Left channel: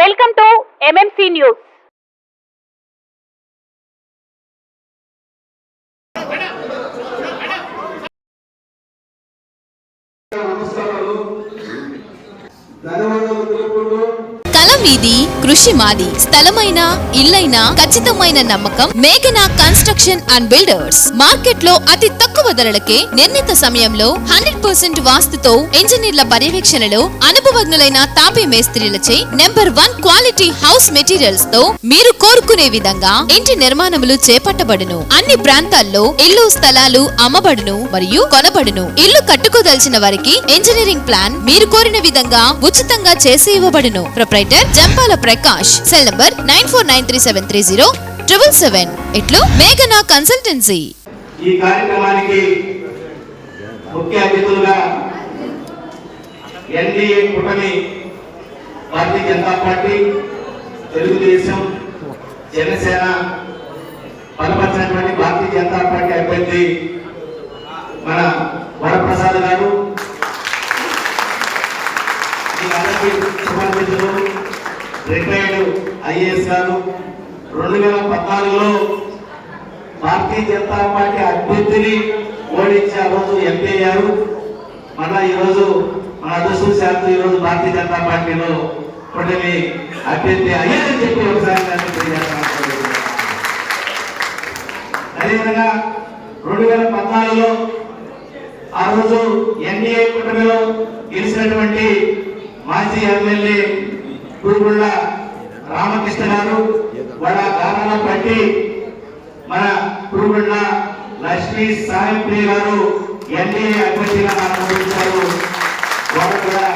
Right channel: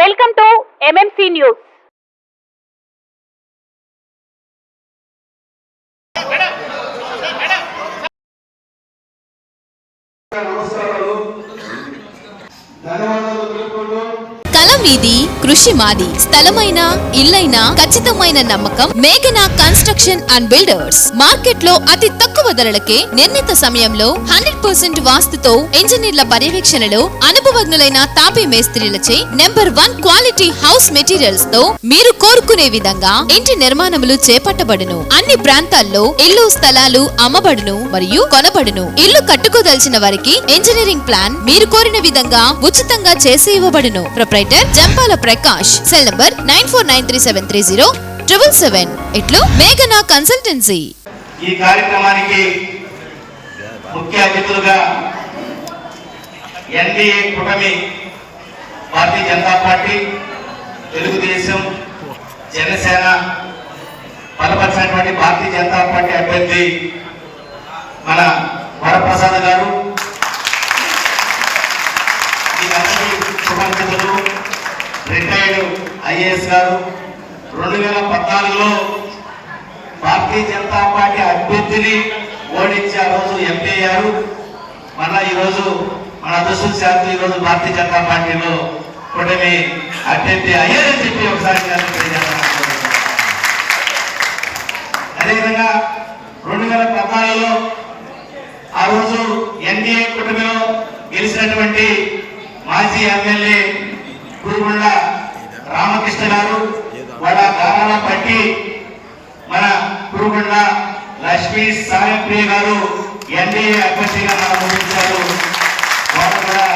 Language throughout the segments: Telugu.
Welcome to MMC news. కళ మీది, కృషి మాది. స్థలమైన, ఇల్లైన ఖచ్చితమైన నమ్మకం మేఘనా కన్స్ట్రక్షన్ అండ్ బిల్డర్స్. మార్కెట్ లో అతి తక్కువ ధరలకే నిర్ణీత సమయంలో 100% వాస్తుతో ఇంజనీర్ల పర్యవేక్షణలో అనుభవజ్ఞులైన తాపీ మేస్త్రీలచే #1 క్వాలిటీ హౌస్ మెటీరియల్స్ తో మీరు కోరుకునే విధంగా ఇంటి నిర్మాణములు చేపట్టబడును. అన్ని ప్రాంతాల్లో ఇల్లు స్థలాలు అమ్మబడును మరియు కొనబడును. ఇల్లు కట్టుకోదలిచిన వారికి ఇంజనీరింగ్ ప్లాన్ మీరు కోరిన విధంగా ఉచితంగా చేసి ఇవ్వబడును. Proprietor Jampala Prakash. Cell number 9493307777. ఇట్లు మేఘనా కన్సల్టెన్సీ. ఈ కార్యక్రమానికి ముఖ్య అతిథులుగా ఎన్డీఏ కూటమి, భారతీయ జనతా పార్టీ, తెలుగుదేశం, జనసేన బలపరిచినటువంటి భారతీయ జనతా పార్టీ అభ్యర్థి మన వరప్రసాద్ గారు, ఈ అందరికీ శుభాకాంక్షలు. రిటైర్డ్ ఐఏఎస్ గారు 2014లో భారతీయ జనతా పార్టీ అభ్యర్థిని ఓడించి ఆ రోజు ఎంపీ అయ్యారు. మళ్ళా ఈరోజు మన అదృష్టం శాతం ఈరోజు భారతీయ జనతా పార్టీలో కూటమి అభ్యర్థి అయ్యారని చెప్పి ఒకసారి తెలియజేస్తున్నాను. అదేవిధంగా 2014లో ఆ రోజు ఎన్డీఏ కూటమిలో గెలిచినటువంటి మాజీ ఎమ్మెల్యే పూగుళ్ళ రామకృష్ణ గారు వాళ్ళ గానాల పట్టి మన పూగుళ్ళ లక్ష్మీ సాయంప్రియ గారు ఎన్డీఏ అభ్యర్థిగా మనకు వారు కూడా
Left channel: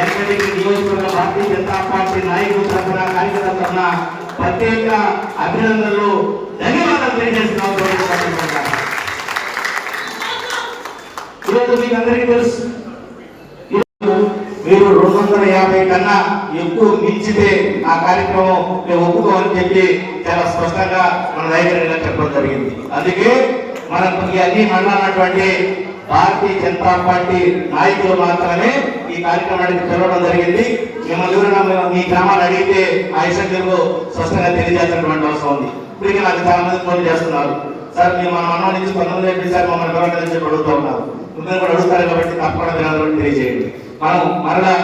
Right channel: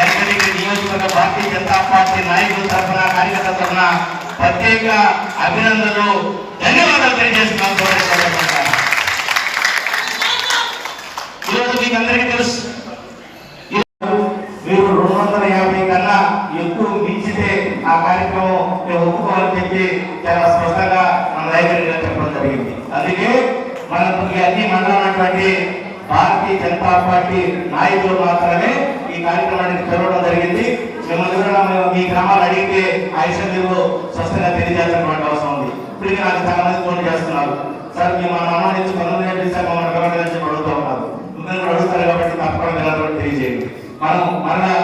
ఎన్నికటి నియోజకవర్గ భారతీయ జనతా పార్టీ నాయకుల తరఫున, కార్యకర్తల తరఫున ప్రత్యేక అభినందనలు, ధన్యవాదాలు తెలియజేస్తున్నాం. ఈరోజు మీకు అందరికీ తెలుసు, మీరు 250 కన్నా ఎక్కువ మించితే ఆ కార్యక్రమం మేము ఒప్పుకోవాలని చెప్పి చాలా స్పష్టంగా మన నాయకులు చెప్పడం జరిగింది. అందుకే మనం అన్ని మండలమైనటువంటి భారతీయ జనతా పార్టీ నాయకులు మాత్రమే ఈ కార్యక్రమానికి పిలవడం జరిగింది. మిమ్మల్ని ఎవరైనా మీ గ్రామాన్ని అడిగితే ఆ విషయం మీకు స్పష్టంగా తెలియజేయాల్సినటువంటి అవసరం ఉంది. ఇప్పటికే నాకు చాలా మంది ఫోన్ చేస్తున్నారు, సార్ మీ మన అనుమతించి పనులు చేపించారు, మమ్మల్ని పిలవడానికి అడుగుతూ ఉన్నారు. మిమ్మల్ని కూడా అడుగుతారు కాబట్టి తప్పకుండా తెలియజేయండి. మనం మరలా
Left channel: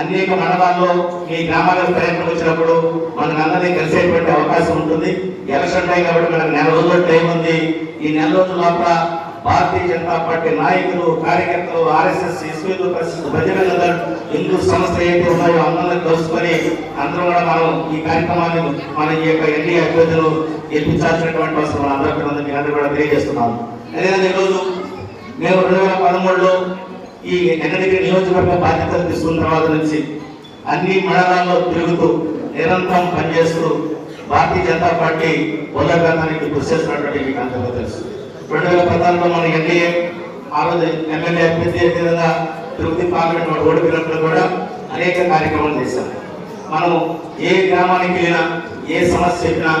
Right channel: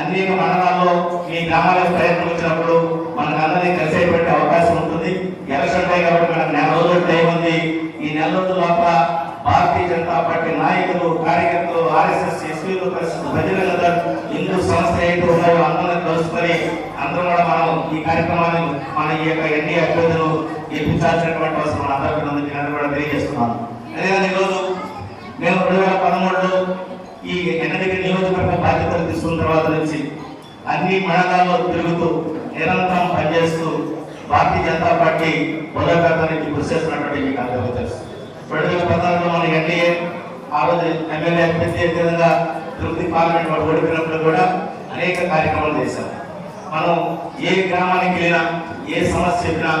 అనేక మండలాల్లో ఈ గ్రామాలకు పర్యటన వచ్చినప్పుడు మనకు అందరినీ కలిసేటువంటి అవకాశం ఉంటుంది. ఎలక్షన్ టైం కాబట్టి మనకు 4 రోజుల టైం ఉంది. ఈ 4 రోజుల లోపల భారతీయ జనతా పార్టీ నాయకులు, కార్యకర్తలు, ఆర్ఎస్ఎస్, ఎస్పీలు, ప్రజలందరూ హిందూ సంస్థ ఏంటి ఉన్నారో అందరినీ కలుసుకొని అందరూ కూడా మనం ఈ కార్యక్రమాన్ని మన ఈ యొక్క ఎన్డీఏ అభ్యర్థులు గెలిపించాల్సినటువంటి అవసరం అందరూ కూడా తెలియజేస్తున్నాము. అదేవిధంగా ఈరోజు మేము 2013లో ఈ ఎన్నికల నియోజకవర్గ బాధ్యతలు తీసుకున్న తర్వాత నుంచి అన్ని మండలాల్లో తిరుగుతూ నిరంతరం పనిచేస్తూ భారతీయ జనతా పార్టీ పోరాటానికి కృషి చేస్తున్నటువంటి మీకు అందరికీ తెలుసు. 2014లో మన ఎన్డీఏ ఆ రోజు ఎమ్మెల్యే అభ్యర్థి విధంగా తిరుపతి పార్లమెంట్ వాడు ఓడిపోయినప్పుడు కూడా అనేక కార్యక్రమాలు చేశారు. మనం ఏ గ్రామానికి వెళ్ళినా, ఏ సమస్య చెప్పినా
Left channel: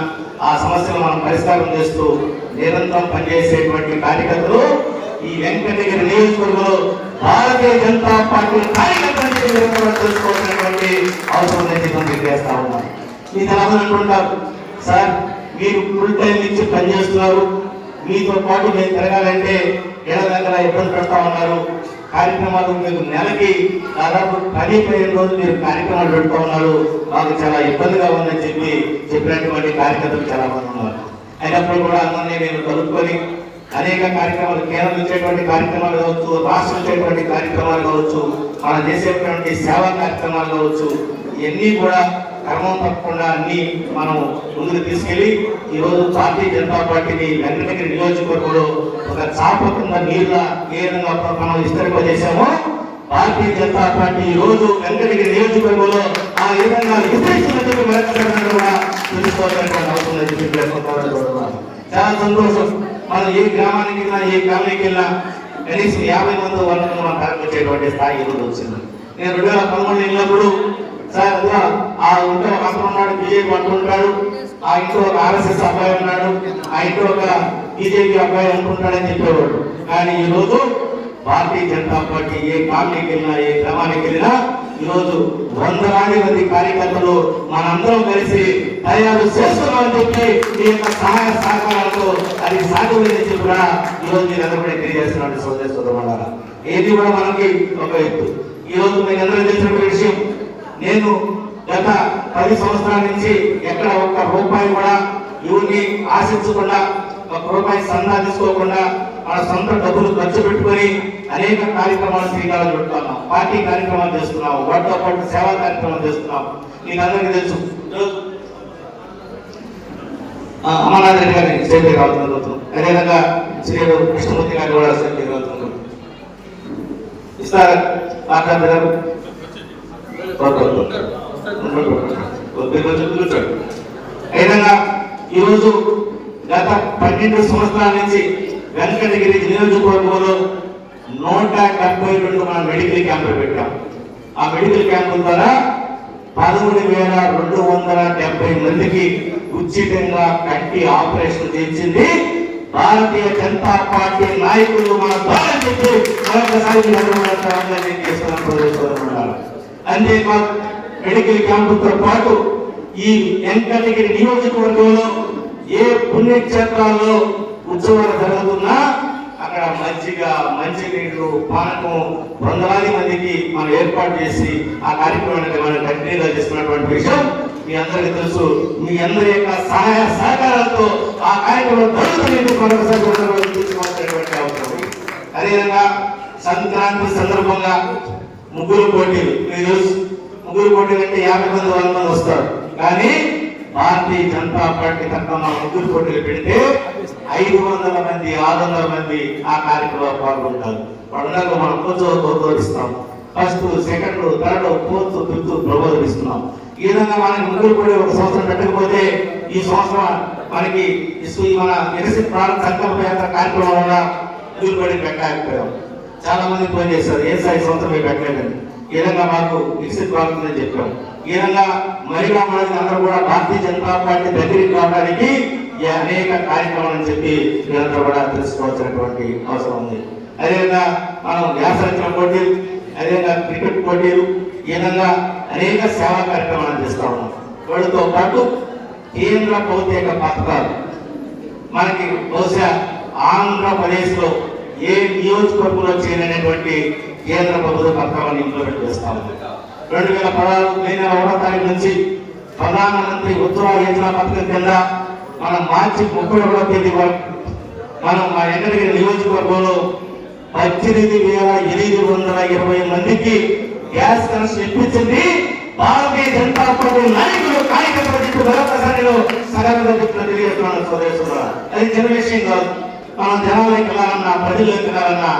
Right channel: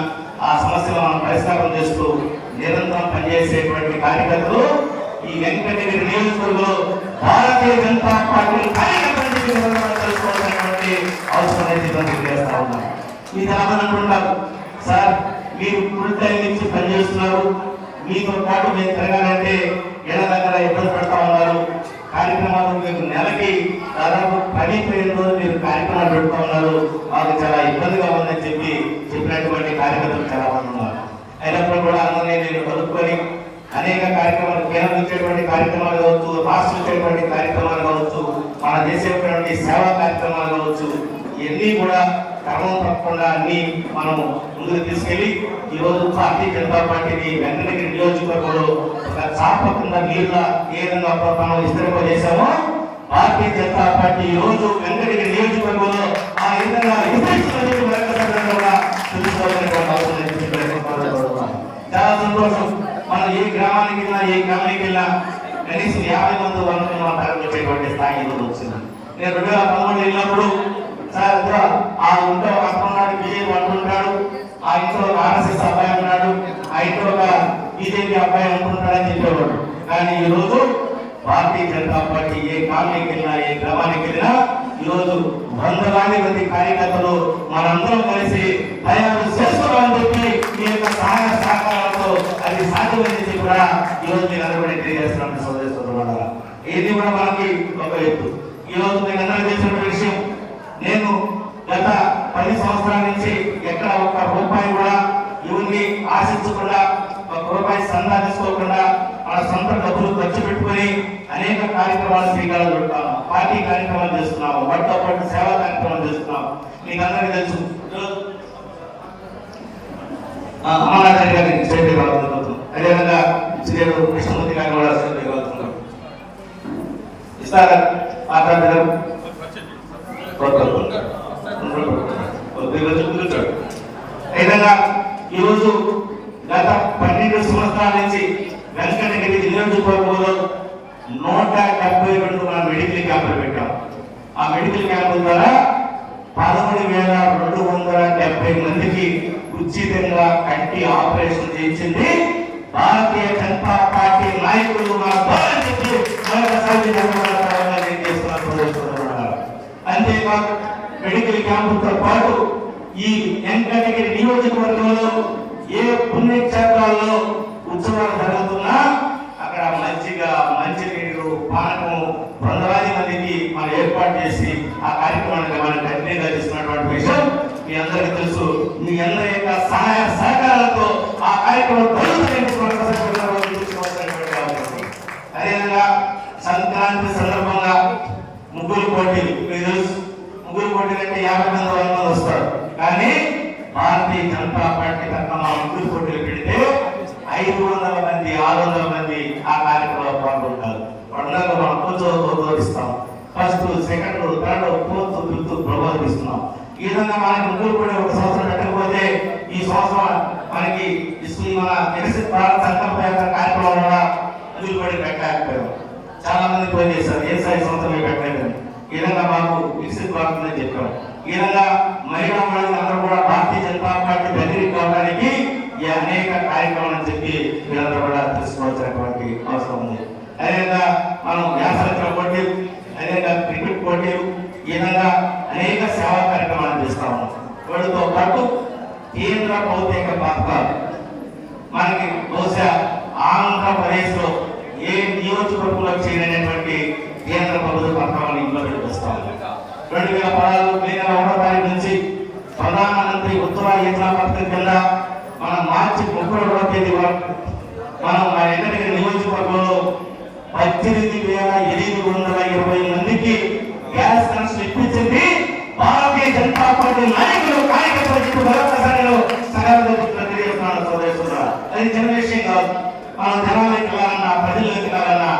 ఆ సమస్యను మనం పరిష్కారం చేస్తూ నిరంతరం పనిచేసేటువంటి కార్యకర్తలు ఈ వెంకటగిరి నియోజకవర్గంలో భారతీయ జనతా పార్టీ తెలుసుకోవాల్సినటువంటి అవసరం తెలియజేస్తా ఉన్నారు. మీరు అనుకుంటారు, సార్ మీరు ఫుల్ టైం ఇచ్చి పనిచేస్తున్నారు, మీతో పాటు మేము తిరగాలంటే ఏళ్ళ దగ్గర ఇబ్బంది పెడతా ఉన్నారు. కార్యక్రమాలు మీకు నెలకి దాదాపు 10-15 రోజులు మీరు కార్యక్రమాలు పెడుతూ ఉన్నారు, మాకు చాలా ఇబ్బందిగా ఉందని చెప్పినటువంటి కార్యకర్తలు చాలా మంది ఉన్నారు. అయినప్పుడు కూడా అందరినీ నేను కలుపుకొని అనేక కార్యక్రమాలు, కేంద్రం ఇచ్చేటువంటి కార్యక్రమాలు కావచ్చు, రాష్ట్రం ఇచ్చేటువంటి కార్యక్రమాలు కావచ్చు, మనం చేసేటువంటి సేవా కార్యక్రమాలు కావచ్చు, ఇవన్నీ కూడా క్రమం తప్పకుండా అన్ని మనం ముందుకు తీసుకెళ్లి ఈరోజు భారతీయ జనతా పార్టీని వెంకటగిరి నియోజకవర్గంలో ఒక చాపకుండా నీళ్ళ ఏ విధంగా మనం విస్తరింపజేశామో భారతీయ జనతా పార్టీ ఈ రోజు వెంకటగిరి నియోజకవర్గంలో ఆ విధంగా విస్తరిస్తున్నందుకు కూడా తెలుసుకోవాల్సినటువంటి అవసరం చాలా సంతోషం. మనం ఏ గ్రామానికి వెళ్ళినా, ఏ గ్రామానికి వెళ్ళినా కనీసం 50 మంది 100 మంది మన వచ్చేటువంటి స్థాయి ఎదురు వచ్చింది. నేను 2013 వెళ్ళినప్పుడు సార్ ఆ ఇంట్లో ఒక అతను ఉన్నాడు, బీజేపీ అనుకుంటాడు, ఆ ఇంట్లో ఒక ఆర్ఎస్ఎస్ అబ్బాయి ఉన్నాడు, ఆ ఇంట్లో ఒక బీజేపీ అబ్బాయి అనుకుంటాడని చెప్పేవాడు. కానీ ఈ రోజు భారతీయ జనతా పార్టీ ఏ కాలనీకి వెళ్ళినా, ఏ గ్రామానికి వెళ్ళినా ఈరోజు 100 మంది కార్యకర్తలు మనందరం కలిసి తయారు చేస్తున్నామని చెప్పి మీ యొక్క సహాయ సహకారాలతో అది సాధ్యమైంది కూడా ఈరోజు మీరు అందరూ తెలియజేస్తున్నారు. సోదరి సోదరులారా, ఏది కూడా మనకి ఒక ఎత్తు. ఈరోజు మీకు అందరూ తెలిసిన విషయం, నేను గత 10 సంవత్సరాల నుంచి ఎక్కడ ఒక్క రూపాయి కూడా ఎవరిని ఆశించకుండా, ఒక రూపాయి సందా తీసుకోకుండా మన సొంత డబ్బులు ఖర్చు పెట్టుకొని అనేక కార్యక్రమాలు శ్రీకారం చుడుతున్నాం. పార్టీ కార్యక్రమాలు చేస్తున్నాం, వాటితో పాటు సేవా కార్యక్రమాలు చేస్తున్నాం. మీకు అందరికీ తెలుసు, అమరావతి గారిని చేతి రావుతున్నాం, అదేవిధంగా శ్రీరు కృష్ణమూర్తి గారిని కూడా చేతి రావుతున్నాం. ఇస్తారు గారు ఏదైనా ఈరోజు గత 12 సంవత్సరాల నుంచి వెంకటగిరి నియోజకవర్గంలో 172 మనం మెడికల్ క్యాంపులు పెట్టాం. ఆ మెడికల్ క్యాంపుల ద్వారా 13,270 మందికి ఉచితంగా కంటి ఆపరేషన్ చేయించింది భారతీయ జనతా పార్టీ నాయకులు మన ద్వారా చెప్పి మరొకసారి అంతేకాదు మెడికల్ క్యాంపుతో పాటు ఈ వెంకటగిరి నియోజకవర్గంలో ఏ పుణ్యక్షేత్రాల్లో ఉత్సవాలు జరుగుతున్నా అక్కడ మంచినీళ్ళు పానకము 100 మందికి మనం ఏర్పాటు చేసి ఆ కార్యక్రమానికి మనం కంటిన్యూగా చేస్తున్నటువంటి విషయం మీ అందరికీ తెలుసు. మీ అందరి యొక్క సహాయ సహకారాలతో ఆ కార్యక్రమం అదేవిధంగా సంక్రాంతి సందర్భంగా ముగ్గురు పోటీలు, మీకు తెలుసు ముగ్గురు పోటీలు అంటే 50 మంది 100 మంది వస్తారు. కానీ భారతీయ జనతా పార్టీ తరఫున ముగ్గురు పోటీలు పెడితే 500 మంది 600 మంది ఆ కార్యక్రమంలో పాల్గొంటారు. వాళ్ళందరూ మనం కొంచెం గౌరవిస్తాం. First, second, third, fourth, fifth గౌరవిస్తున్నాం. ఈ విధంగా మనకి ముగ్గురు పోటీ ఒక సంవత్సరం పెట్టకపోతే ఈ సంవత్సరం మనకి మన వికసిత భారత్ సంకల్ప కార్యక్రమం కూడా ముగ్గురు పోటీ పెట్టలేకపోయాం. చాలా మంది ఫోన్ చేశారు, ఏ సాయి సంవత్సరం పెట్టలేదని. ఈ విధంగా మాకు వికసిత భారత్ అని చెప్పాం. ఈ విధంగా మహిళా మండలి అందరూ కూడా భారతీయ జనతా పార్టీ దగ్గరికి రావడానికి ఈ అనేక కార్యక్రమాలు చెప్పి వీళ్ళందరూ కూడా తెలుసుకోవాల్సినటువంటి అవసరం ఉంది. అదేవిధంగా మనం వ్యాసరచన పోటీలు, అదేవిధంగా క్రికెట్ పోటీలు, ఈ విధంగా అనేక సేవా కార్యక్రమాలు చేస్తా ఉన్నాం. వీటితో పాటు కేంద్ర ప్రత్యేక పథకాలు మనకి బహుశా ఆంధ్రప్రదేశ్ లో ఏ నియోజకవర్గంలో చేయలేనటువంటి కేంద్ర ప్రభుత్వ పథకాలను ఇంప్లిమెంట్ చేస్తా ఉన్నాం. 2016 మే 1వ తారీఖు నుంచి ప్రధానమంత్రి ఉజ్వల యోజన పథకం కింద మనం మార్చి 31వ తేదీ వరకు మనం మా ఎన్నికల నియోజకవర్గంలో 18,720 మందికి gas connection ఇప్పించింది Bharatiya Janata party నాయకులు కార్యకర్తలు. మరొకసారి అది చిన్న విషయం కాదు. మనం జనాలకు వెళ్ళాలన్నా, ప్రజలకు వెళ్ళాలన్నా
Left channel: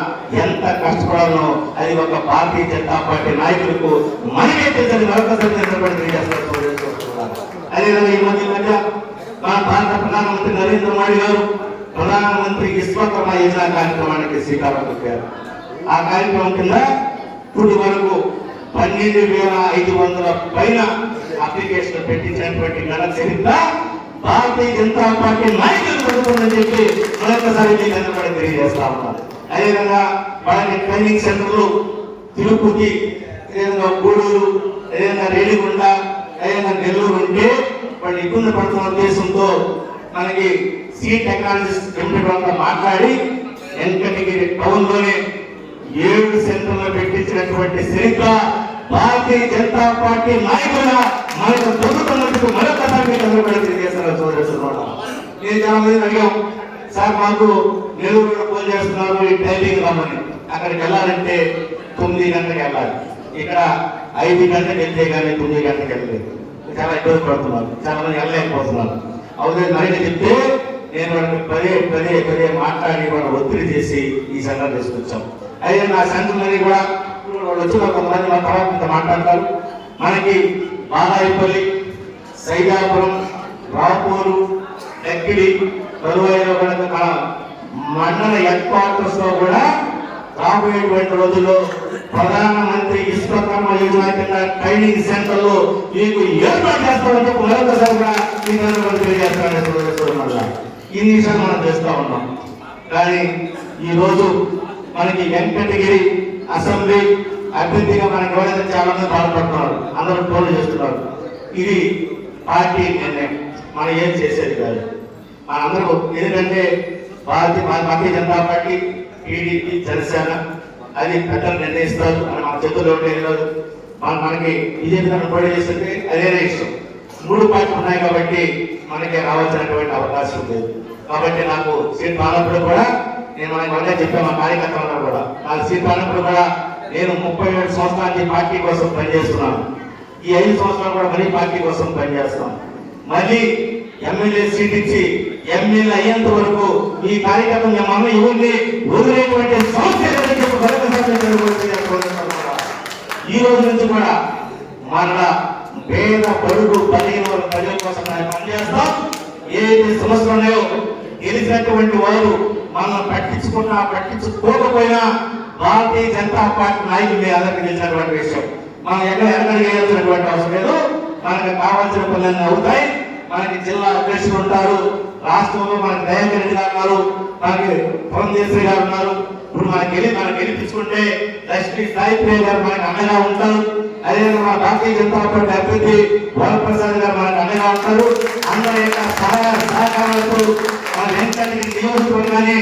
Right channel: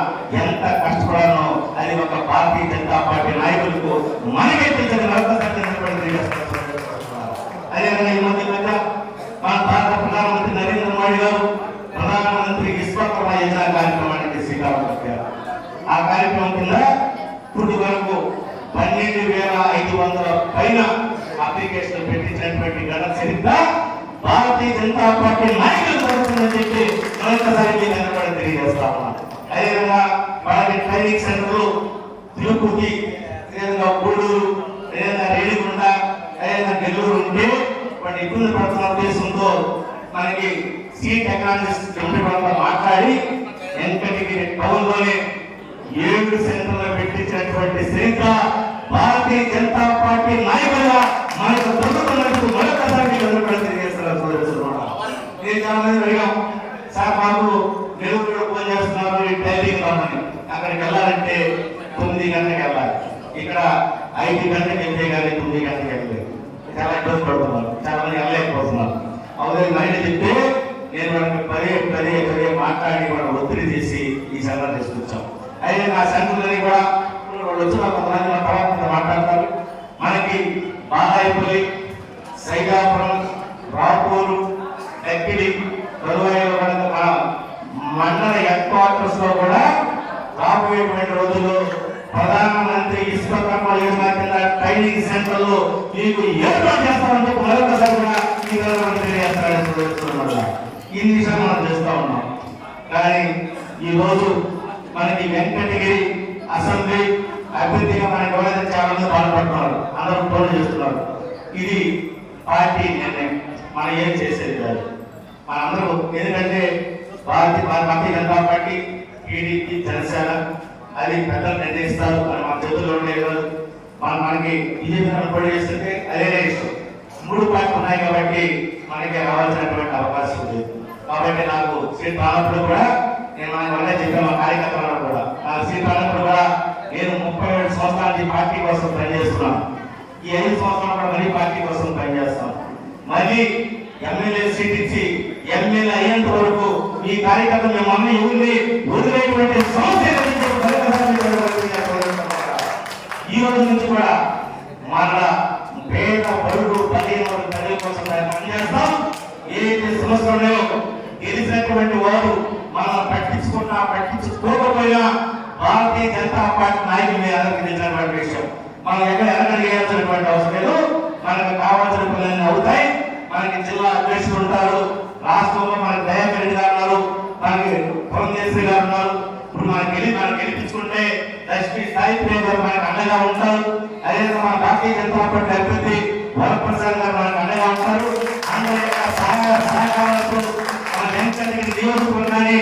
ఎంత కష్టపడాలనో అది ఒక భారతీయ జనతా పార్టీ నాయకులకు మనకే తెలిసింది. మరొకసారి అదేవిధంగా ఈ మధ్య మన భారత ప్రధానమంత్రి నరేంద్ర మోడీ గారు ప్రధానమంత్రి విశ్వకర్మ యోజన కార్యక్రమానికి శ్రీకారం చుట్టారు. ఆ కార్యక్రమం కింద ఇప్పుడు వరకు 12,500 పైన అప్లికేషన్ పెట్టించినటువంటి ఘన చరిత్ర భారతీయ జనతా పార్టీ నాయకులు పడుతుందని చెప్పి మరొకసారి తెలియజేస్తా ఉన్నారు. అదేవిధంగా వాళ్ళకి ట్రైనింగ్ సెంటర్లు తిరుపతి, అదేవిధంగా గూడూరు, అదేవిధంగా రేణిగుండ, అదేవిధంగా నెల్లూరు ఉంటే వాళ్ళు ఇబ్బంది పడుతున్న ఉద్దేశంతో మనకి సీ టెక్నాలజీస్ ఎంపీతో మాట్లాడి వెంకటగిరి టౌన్ లోనే 7 సెంటర్లు పెట్టించినటువంటి చరిత్ర భారతీయ జనతా పార్టీ నాయకుల మనకు ప్రభుత్వానికి మరొకసారి తెలియజేస్తున్నారు. నేను చాలా మంది అడిగాం, సార్ మాకు నెల్లూరు ఫోన్ చేస్తున్నారు ఈ టైలింగ్ రామని, అక్కడికి వెళ్ళాలంటే 9 గంటలకు వెళ్ళాలి. ఇక్కడ 5 గంటలకు వెళ్తే కానీ 9 గంటలకు వెళ్ళలేదు. చాలా ఇబ్బంది పడుతున్నారు, చాలా మంది వెళ్ళలేకపోతున్నారు. అవునే నైట్ చెప్తే నేను పదే మాట్లాడి మనం ఒత్తిడి చేసి ఈ సెంటర్ తీసుకొచ్చాం. అయితే నా సెంటర్ కూడా వచ్చిన కొంతమంది మా తర్వాత మాట్లాడతారు. మనకి బాలాయిపల్లి, సైదాపురం, రాపూరు, డక్కిలి, తరువాయిలో మండల హెడ్ క్వార్టర్స్ లో కూడా రాబోయేటువంటి రోజుల్లో ప్రధానమంత్రి విశ్వకర్మ యోజన కింద ట్రైనింగ్ సెంటర్లు మీకు ఏర్పాటు చేస్తామని మరొకసారి కూడా ఈ విషయాన్ని మనం చేస్తా ఉన్నాం. కానీ ఈ రోజు మనకి వెంకటగిరి అసెంబ్లీ, అభ్యర్థిగా మనకి ఎవరైనా చేయాలని బాధపడుతున్నారు, అందరూ టోల్ చేస్తున్నారు. ఇది పార్టీ నిర్ణయం, మనం ఏం చేసేది కాదు. మనందరూ ఎందుకంటే భారతీయ జనతా పార్టీ, టీడీపీ, జనసేన అది పెద్దలు నిర్ణయిస్తారు, మన చేతుల్లో లేదు. మనకి బీజేపీ పోటీ చేస్తుంటే అదే ఇష్టం. 3 పార్టీలు ఉన్నాయి కాబట్టి మనకి రావాల్సినటువంటి అవకాశం లేదు. కాబట్టి నాకు సీట్ రానప్పుడు కూడా నేను మనకి మళ్ళీ చెప్పాను, మా కార్యకర్తలలో కూడా నాకు సీట్ రానప్పుడు కూడా నేను 37 సంవత్సరాల నుంచి పార్టీ కోసం పనిచేస్తున్నాను. ఈ 5 సంవత్సరాలు కూడా మళ్ళీ పార్టీ కోసం పనిచేస్తాను. మళ్ళీ ఎమ్మెల్యే సీట్ ఇచ్చి ఎమ్మెల్యే అయ్యేంత వరకు ఈ కార్యకర్తలు మమ్మల్ని ఎవరిని వదిలేటువంటి సమస్య ఈ రోజు నుంచి కూడా మన పేద పరుగు ప్రజల కోసం పనిచేస్తాం. ఏదైతే సమస్యలు ఉన్నాయో గెలిచినటువంటి వారు మనం పట్టించుకోకపోయినా భారతీయ జనతా పార్టీ నాయకులు అందరికీ తెలిసినటువంటి విషయం. మనం ఎక్కడ చేయాల్సినటువంటి అవసరం లేదు. మనకు కావాల్సిన పనులన్నీ అవుతాయి. మనకి జిల్లా అధ్యక్షులు ఉంటారు, రాష్ట్రంలో మనకి దయాకర్ రెడ్డి గారు ఉన్నారు, మనకి పవన్ గారు ఉన్నారు. ఇప్పుడు మనం గెలిపించుకుంటే ఎస్పీ సాయిప్రియ గారు మనకు అండగా ఉంటారు. అదేవిధంగా మన భారతీయ జనతా పార్టీ అభ్యర్థి వరప్రసాద్ గారు మనకు అండగా ఉంటారు. అందరి యొక్క సహాయ సహకారాలతో మన వెంకటగిరి నియోజకవర్గాన్ని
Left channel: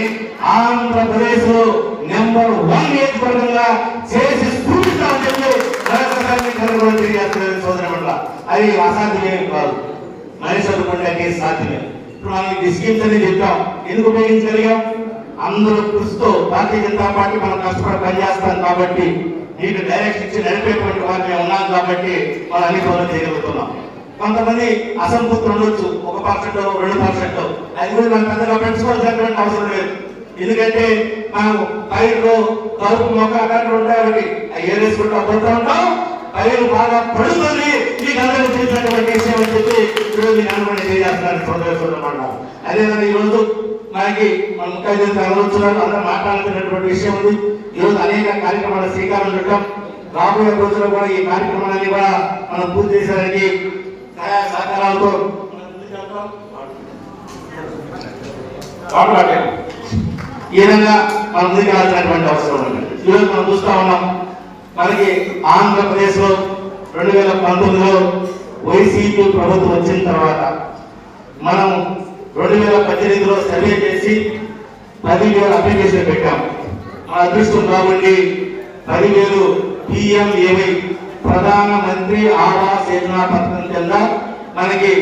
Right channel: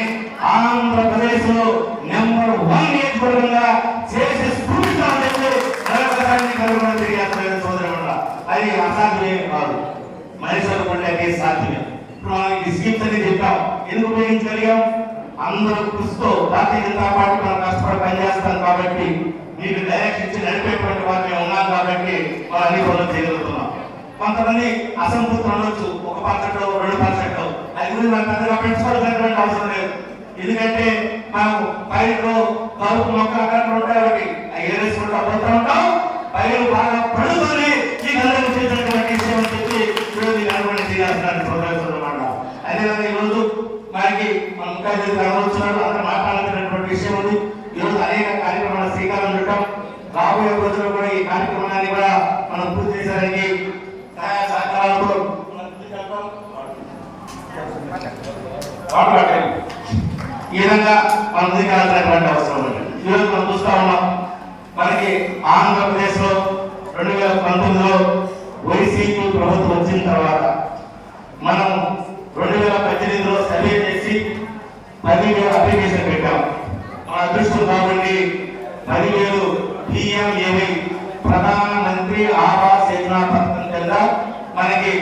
ఆంధ్రప్రదేశ్ లో నెంబర్ 1 నియోజకవర్గంగా చేసి చూపించాలని అది అసాధ్యమే కాదు, మహేశ్వర పండుగ సాధ్యమే. ఇప్పుడు మనం ఈ స్కీమ్స్ అని చెప్పాం, ఎందుకు ఉపయోగించగలిగాం? అందరూ కృషితో భారతీయ జనతా పార్టీ మనం కష్టపడి పనిచేస్తాం కాబట్టి, మీకు డైరెక్ట్ ఇచ్చి నడిపేటువంటి వారు మేము ఉన్నాం కాబట్టి మనం అన్ని పనులు చేయగలుగుతున్నాం. కొంతమంది అసంతృప్తి ఉండొచ్చు, 1% 2%, అది కూడా నాకు పెద్దగా పెంచుకోవాల్సినటువంటి అవసరం లేదు. ఎందుకంటే మనం పైరులో తలుపు మొక్క అక్కడ ఉంటాయి, అవి ఏరేసుకుంటూ పోతూ ఉంటాం. పైరు బాగా పడుతుంది ఈ నలుగురు చేసినటువంటి విషయం అని చెప్పి ఈరోజు సందర్శిస్తున్నాం. అదేవిధంగా ఈరోజు మనకి ముఖ్యమంత్రి ఆలోచనలు అంతా మాట్లాడుతున్నటువంటి విషయం ఉంది. ఈరోజు అనేక కార్యక్రమాలు శ్రీకారం చుట్టాం. రాబోయే రోజుల్లో కూడా ఈ కార్యక్రమాన్ని కూడా మనం పూర్తి చేసేదానికి సహాయ సహకారాలతో ఈ విధంగా మనం ముందుకు రావాల్సినటువంటి అవసరం ఉంది. ఈరోజు మనం చూస్తా ఉన్నాం, మనకి ఆంధ్రప్రదేశ్ లో 2019లో వైసీపీ ప్రభుత్వం వచ్చిన తర్వాత మనం 2018లో సర్వే చేసి 10,000 అప్లికేషన్ పెట్టాం. మన అదృష్టం కాబట్టి 10,000 PMAY ప్రధాన మంత్రి ఆవాస్ యోజన పథకం కింద మనకి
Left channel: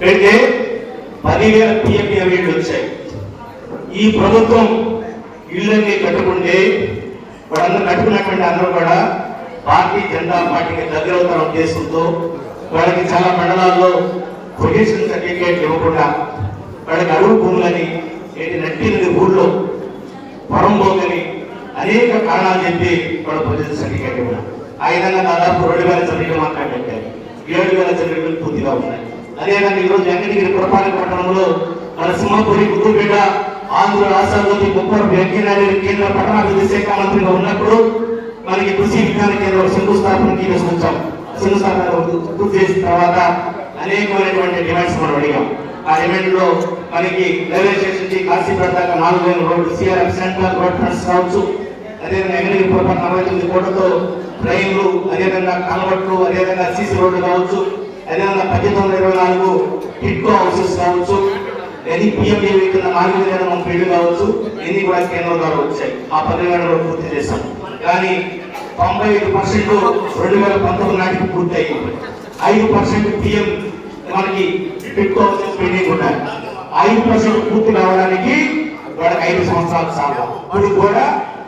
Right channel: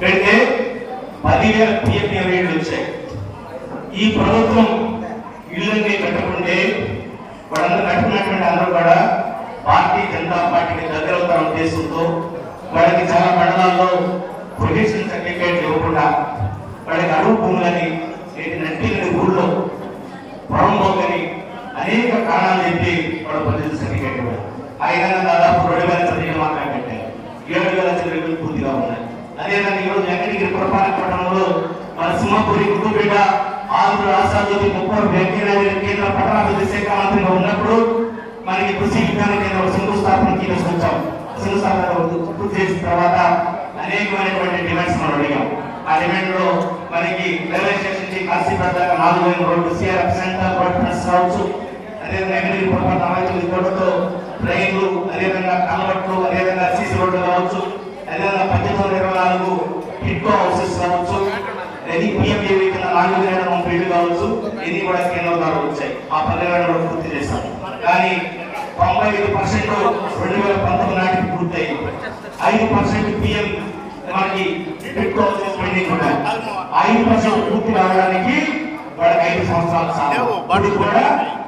పెడితే 10,000 PMAY వచ్చాయి. ఈ ప్రభుత్వం ఇళ్ళని కట్టుకుంటే వాళ్ళందరూ కట్టుకున్నటువంటి అందరూ కూడా భారతీయ జనతా పార్టీకి దగ్గర ఉద్దేశంతో వాళ్ళకి చాలా మండలాల్లో పొల్యూషన్ సర్టిఫికేట్ ఇవ్వకుండా వాళ్ళకి అడుగు భూములని నట్టినది ఊళ్ళో పొరంబోగని అనేక కారణాలు చెప్పి వాళ్ళ పొల్యూషన్ సర్టిఫికేట్ ఇవ్వడం. ఆ విధంగా దాదాపు 2,000 సర్టిఫికేట్ మాత్రమే పెట్టారు, 7,000 సర్టిఫికేట్లు పూర్తిగా ఉన్నాయి. అదేవిధంగా ఈరోజు వెంకటగిరి పురపాలక పట్టణంలో మన సింహపురి ముద్దుపేట ఆంధ్ర రాష్ట్రాలకి 30 వెంకయ్యనాయుడు కేంద్ర పట్టణాభివృద్ధి శాఖ మంత్రిగా ఉన్నప్పుడు మనకి కృషి విజ్ఞాన కేంద్రం శంకుస్థాపనకి తీసుకొచ్చాం. శంకుస్థాపన పూర్తి చేసిన తర్వాత అనేకమైనటువంటి డిమాండ్స్ మనం అడిగాం. ఆ డిమాండ్ లో మనకి రైల్వే స్టేషన్ నుంచి కాశీపేట దాకా 4,000 road, CRF centre road fronts కావచ్చు, అదేవిధంగా వెంకటగిరి పురపాలక 49 కోట్లతో ట్రైన్లు, అదేవిధంగా కాన్వర్ట్లు, అదేవిధంగా CC రోడ్లు కావచ్చు, అదేవిధంగా 1924 టిట్కో హౌసెస్ కావచ్చు, ఇది PMAY 4,030 కావచ్చు, ఇది కూడా కేంద్రం ద్వారా వచ్చాయి. ఆ 10,000 పూర్తి చేస్తాం. కానీ 95% 2019 నాటికి పూర్తయింది. 5% PM మనకి టిట్కో హౌసెస్ పెండింగ్ ఉన్నాయి. 5% పూర్తి రావడానికి వాళ్ళకి 5 సంవత్సరాలు సాగు. ఇప్పుడు కూడా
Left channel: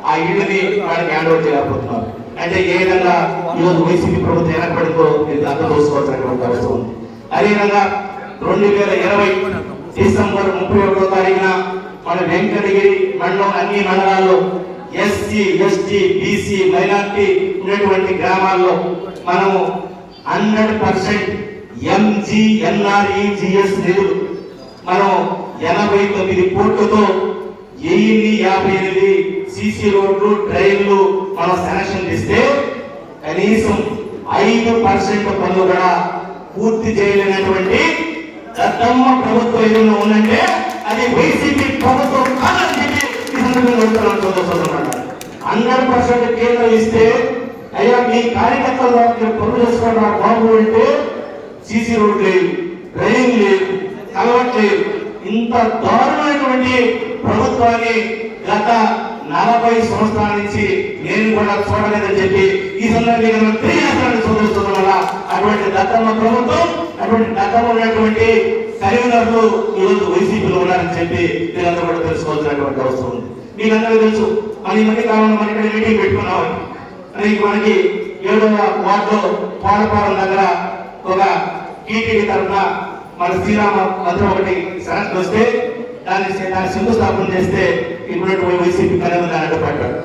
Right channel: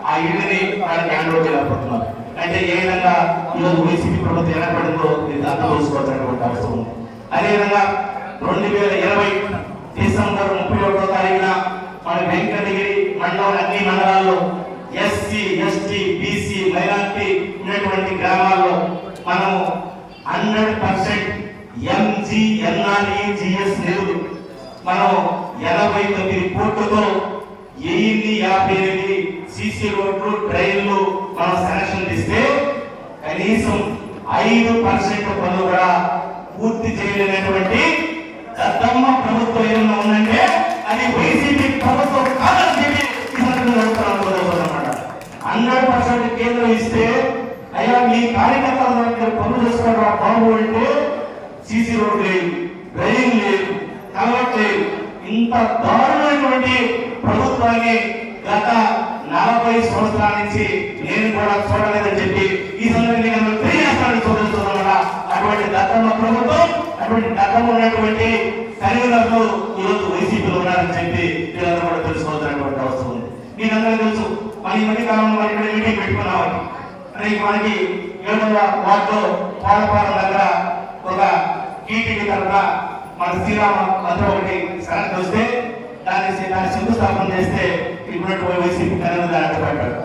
ఆ ఇళ్ళని వాళ్ళకి హ్యాండ్ ఓవర్ చేయలేకపోతున్నారు. అంటే ఏ విధంగా ఈరోజు వైసీపీ ప్రభుత్వం ఏర్పడిందో మీరు అర్థం చేసుకోవాల్సినటువంటి అవసరం ఉంది. అదేవిధంగా 2020 డిసెంబర్ 31వ తారీఖున మన వెంకటగిరి మండలం అన్ని మండలాల్లో SC, ST, BC మైనారిటీ ఉన్నటువంటి గ్రామాల్లో మనము 100% MGNREGS నిధులు మనం 89 కోట్లతో 1058 CC రోడ్లు, ట్రైన్లు మనం శాంక్షన్ ఇస్తే కనీసం 5% పనులు కూడా పూర్తి చేయలేనటువంటి దత్తమ్మ ప్రభుత్వం ఏదైనా ఉందంటే అది వైసీపీ ప్రభుత్వం కాదని చెప్పి ఈ సందర్భంగా 100% కేంద్రం ఇస్తే అయ్యా మీ కార్యకర్తలు పనులు చేసుకోవడం బాబు అంటే సీసీ రోడ్ లేదు, డ్రైన్ లేదు, కలవట్ లేదు. ఇంత దారుణమైనటువంటి ప్రభుత్వాన్ని గత 40 సంవత్సరాల నుంచి నేను కూడా చూడలేదని చెప్పి ఈ సందర్భంగా తెలియజేస్తాను చూస్తున్న వల్ల అటువంటి దత్తమ్మ ప్రభుత్వం, అటువంటి దత్తమ్మ ఉన్నటువంటి తల్లిదండ్రులు ఈరోజు వైసీపీలో ఉన్నారని చెప్పి వీళ్ళందరూ కూడా తెలుసుకోవాల్సినటువంటి అవసరం ఉంది. మీరందరూ తెలుసు మన మధ్య కాలంలో మనకి మీటింగ్ పెట్టుకున్నామని మనకి 7వ వార్డులో పోలపాలెం దగ్గర ఒక టీటీడీ తరఫున మన శ్రీరామ మంత్రి ఒకటి శాంతి వస్తే దాన్ని శంకుస్థాపన చేస్తే ఇప్పుడు వైసీపీ కనీసం అడ్డుపడ్డాడు.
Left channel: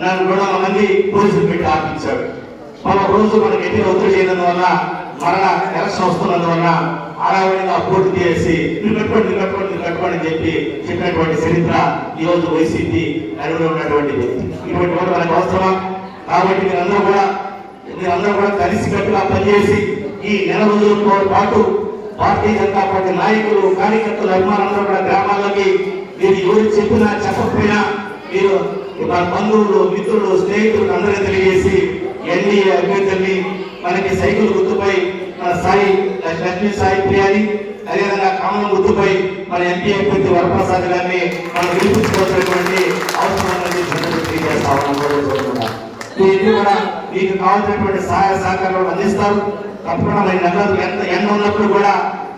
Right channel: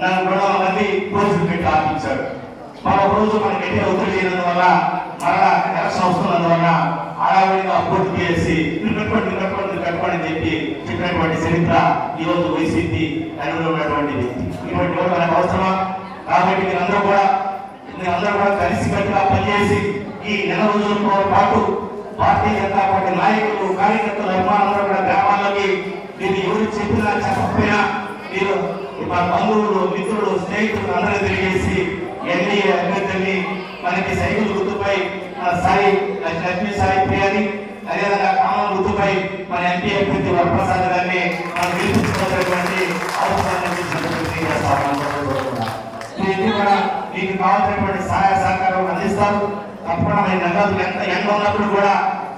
నన్ను 200 మంది పోలీసులు పెట్టి ఆపించాడు. మన రోజు మనకి ఎట్టి ఒత్తిడి చేయనందువల్ల మరలా ఎలక్షన్ వస్తున్నందువల్ల అడావుడిగా పూర్తి చేసి కట్టుకోండి చెప్పి చెప్పినటువంటి చరిత్ర ఈ రోజు వైసీపీ ఉన్నటువంటి ఇటువంటి మనకు అవసరం. కాబట్టి మీరందరూ కూడా కలిసికట్టుగా పనిచేసి ఈ నెల రోజులతో పాటు భారతీయ జనతా పార్టీ నాయకులు, కార్యకర్తలు, అభిమానులందరూ కూడా గ్రామాలకి మీరు ఎవరు చెప్పినా చెప్పకపోయినా మీరు మన బంధువులు, మిత్రులు, స్నేహితులు అందరూ తెలియజేసి ఎన్డీఏ అభ్యర్థుల్ని మనకి సైకిల్ గుర్తుపై మన సాయి లక్ష్మీ సాయి ప్రియాని, అదేవిధంగా కామన్ గుర్తుపై మన ఎంపీ అభ్యర్థి వరప్రసాద్ గారిని మనం గెలిపించుకోవాల్సినటువంటి అవసరం మీకు కావాల్సినటువంటి సహాయ సహకారాలు అందిస్తారు. తప్పకుండా మన నగదు ఎండ ఉన్నప్పుడు కూడా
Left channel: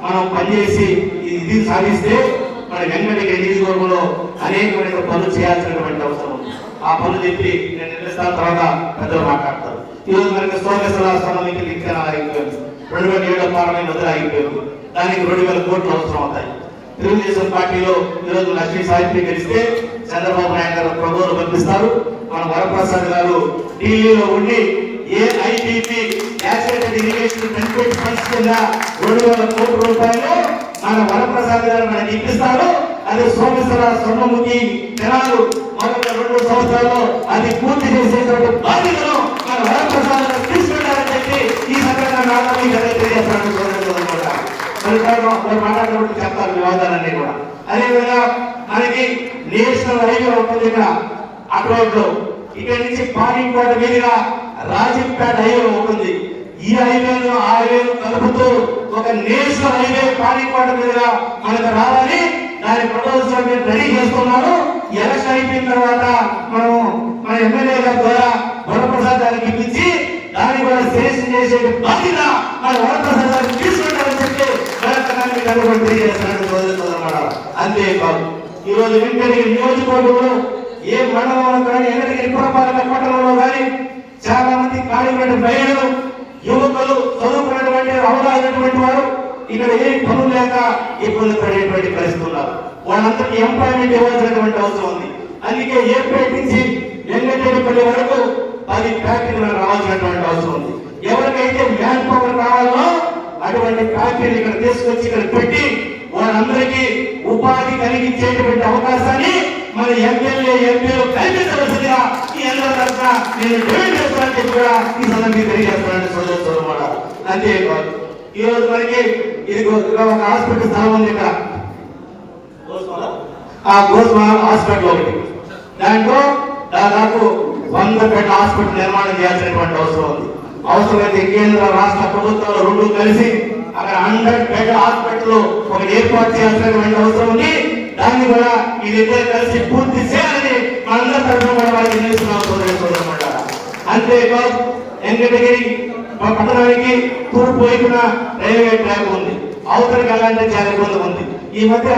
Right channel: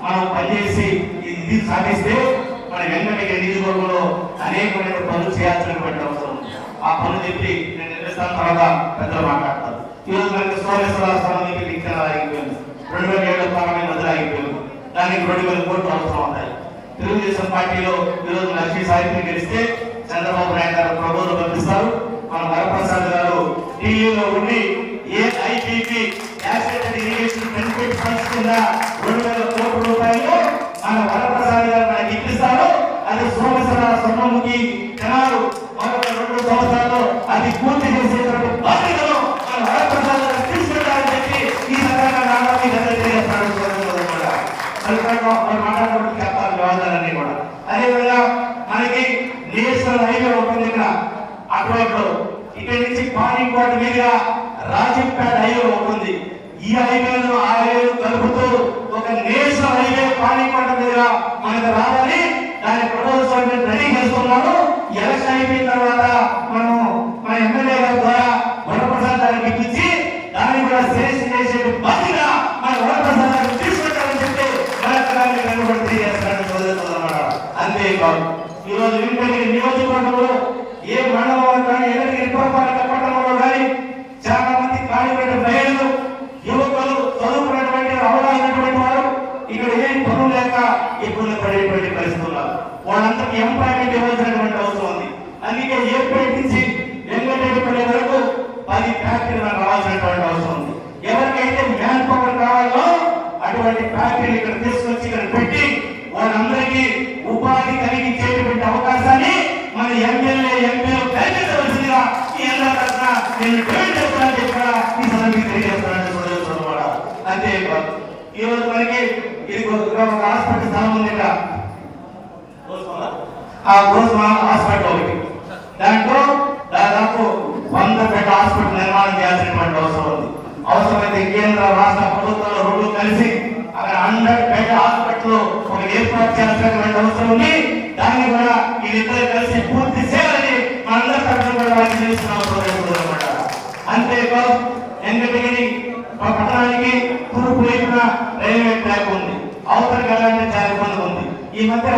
మనం పనిచేసి ఇది సాధిస్తే మన వెంకటగిరి నియోజకవర్గంలో అనేకమైన పనులు చేయాల్సినటువంటి అవసరం ఉంది. ఆ పనులు చెప్పి నేను నిర్వహిస్తాను. తర్వాత పెద్దలు మాట్లాడతారు. ఈరోజు మనకి సోమేశ్వర సంబంధించి ఇచ్చిన ఆగిపోయింది, 2007 పార్లమెంట్ వద్ద ఆగిపోయింది. దానికి 2000 కోట్లు అవసరం అవుతాయి. తెలుగుదేశం పార్టీలో ఈరోజు లక్ష్మీ సాహిత్యం గెలిస్తే చంద్రబాబు నాయుడు గారు 2 రోజులు పంపిస్తారు. మన వరప్రసాద్ గారు ఢిల్లీలో ఉండి ఏఐటీకి కింద 200 కోట్ల రూపాయలు మన వరప్రసాద్ గారు మనకి ఇప్పిస్తారు. అది సోమేశ్వర స్వర్ణముఖి జనాలు మరొక 2 సంవత్సరాల్లో అది పూర్తి చేసేటువంటి బాధ్యతను మన వరప్రసాద్ గారు తీసుకెళ్లారని చెప్పి ఈ సందర్భంగా మాట్లాడుకుంటూ చెప్తారు వివాదాలన్నీ కూడా. అదేవిధంగా మనకి నేషనల్ హైవే ఉంటుంది అటువైపు, ఇక్కడ నుంచి పానీకోట మీదుగా రాజంపేట హైవే ఉంటుంది. ఈ హైవేను ఆ హైవే కలుపుతూ ఒక నేషనల్ హైవే పానీకోట మీదుగా మనకు రావాలి. దాని ప్రపోజల్ మేము రెడీ చేస్తున్నాము. ఎలక్షన్ అయిపోయిన తర్వాత మనము మన ఎమ్మెల్యే గారి ద్వారా వరప్రసాద్ గారికి ఇప్పించి దాన్ని కూడా సెలెక్షన్ చేసే బాధ్యత మన వరప్రసాద్ గారికి తీసుకుంటామని చెప్పి అంతేకాదు ఈరోజు వెంకటగిరి నియోజకవర్గంలో ఏ మండలంలో కానీ ఎన్నపాలక పట్టణంలో కానీ చాలా మంది కార్మికులు, మహిళలు, యువకులు, చదువుకున్నటువంటి అవరాసినటువంటి వారు ఇక్కడ ఏం పనులు లేక ఇబ్బంది పడేటువంటి పరిస్థితులు ఉన్నారు. వాళ్ళందరికీ ఎంప్లాయ్మెంట్ ఇవ్వాల్సినటువంటి అవసరం ఉంది. అందుకే ఏపీ నుంచి వెంకటగిరి వరకు 10 ఫ్యాక్టరీలు రావాల్సినటువంటి అవసరం ఉంది. ఎవరికైతే మ్యాన్ పవర్ కావాలో అటువంటి ఫ్యాక్టరీ ఇక్కడ తీసుకొచ్చి ఇక్కడ పెట్టి వాళ్ళందరికీ ఉపాధి కలిగించేటువంటి అవకాశాన్ని మన ఎమ్మెల్యే, ఎంపీలు కల్పించవలసిందిగా ఈ అందరూ తరఫున నేను తెలియజేస్తున్నాను కూడా ఈ సందర్భంగా తెలియజేస్తున్నాను. అంతేకాదు ఈరోజు మనకి ఇది ఒక హాస్పిటల్ స్థలం ఉంది ఇక్కడ, ఆ గోస్మాల్ హాస్పిటల్ ఒకటి. దాంట్లో దాదాపు 100 బెడ్ హాస్పిటల్ నిర్మాణం చేయాల్సినటువంటి అవసరం ఉంది. అవసరమైతే కేంద్ర రాష్ట్ర ప్రభుత్వాలు 2 కలిసి అక్కడ 100 బెడ్ హాస్పిటల్ ఒక ఏర్పాటు చేయాల్సినటువంటి అవసరం ఉంది. దాన్ని కూడా వీరిద్దరు కలిసి పూర్తి చేయాలని మనందరి తరఫున అంతేకాదు వెంకటగిరి పట్టణానికి తూర్పు వైపున రైల్వే ట్రాక్ ఉంది, అవతలికి అలాంటి చాలా దూరం ఉంది. ఈ మధ్య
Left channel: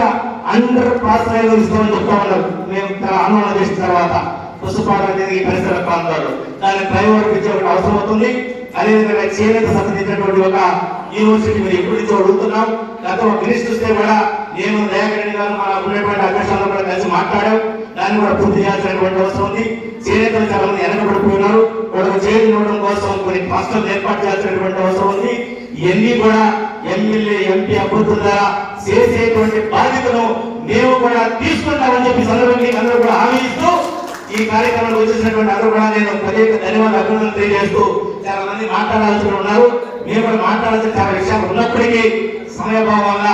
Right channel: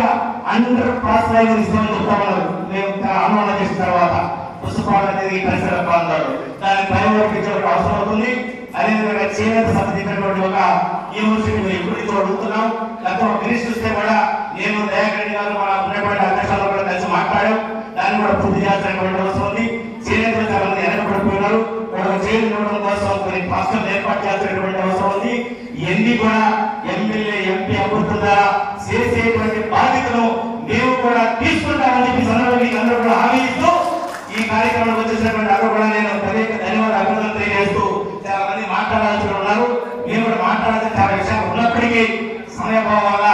అందరూ పాస్ ఇస్తామని చెప్తామన్నారు. మేము ఆందోళన చేసిన తర్వాత పుష్పాలకి పరిసర ప్రాంతాలు దాన్ని ప్రైవేట్ అవసరం అవుతుంది. అదేవిధంగా చేనేత సంబంధించినటువంటి ఒక యూనివర్సిటీ మీరు ఎప్పుడు ఇచ్చో అడుగుతున్నాం. గతంలో ఫినిష్ చూస్తే కూడా నేను దయాకరెడ్డి గారు మన ఉన్నటువంటి అధ్యక్షులు కూడా కలిసి మాట్లాడాం. దాన్ని కూడా పూర్తి చేయాల్సినటువంటి అవసరం ఉంది. చేనేతలు చాలా మంది వెనకబడిపోయినారు. వాళ్ళకు చేతి ఇవ్వడం కోసం కొన్ని హాస్టల్ ఏర్పాటు చేయాల్సినటువంటి అవసరం ఉంది. ఇవన్నీ కూడా ఎమ్మెల్యే, ఎంపీ అభ్యర్థుల ద్వారా చేసేటువంటి బాధ్యతను మేము కూడా తీసుకుంటామని చెప్పి సందర్భంగా అందరూ కూడా హామీ ఇస్తూ ఈ కార్యక్రమంలో వచ్చేసినటువంటి అందరూ కూడా నేను ధన్యవాదాలు, అభినందనలు తెలియజేస్తూ చాలా మంది మాట్లాడాల్సి ఉన్నారు. మేము కూడా మాట్లాడాల్సిన చాలా విషయాలు ఉన్నప్పటికీ సమయభావం వల్ల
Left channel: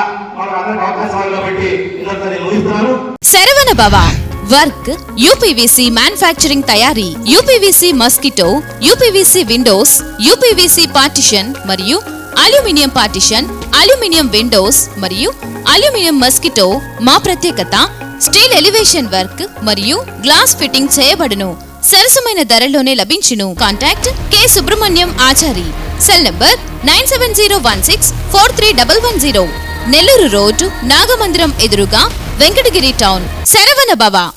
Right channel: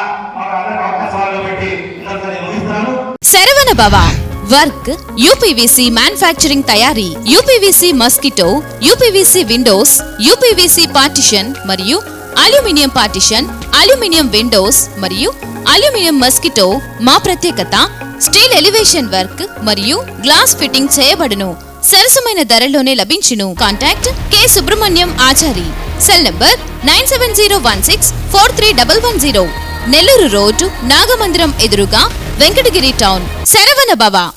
భవ. వర్క్ యూపీవీసీ మ్యానుఫ్యాక్చరింగ్ తయారీ, UPVC mosquito, UPVC Windows, UPVC partition మరియు అల్యూమినియం పార్టిషన్, అల్యూమినియం విండోస్ మరియు అల్యూమినియం మస్కిటో. మా ప్రత్యేకత స్టీల్ ఎలివేషన్ వర్క్ మరియు గ్లాస్ ఫిట్టింగ్ చేయబడును. సరసమైన ధరలోనే లభించును. Contact K Subrahmanyam Achari. Cell number 9701643110. Nellore road, Nagamandiram ఎదురుగా, వెంకటగిరి టౌన్. శరవణ భవ.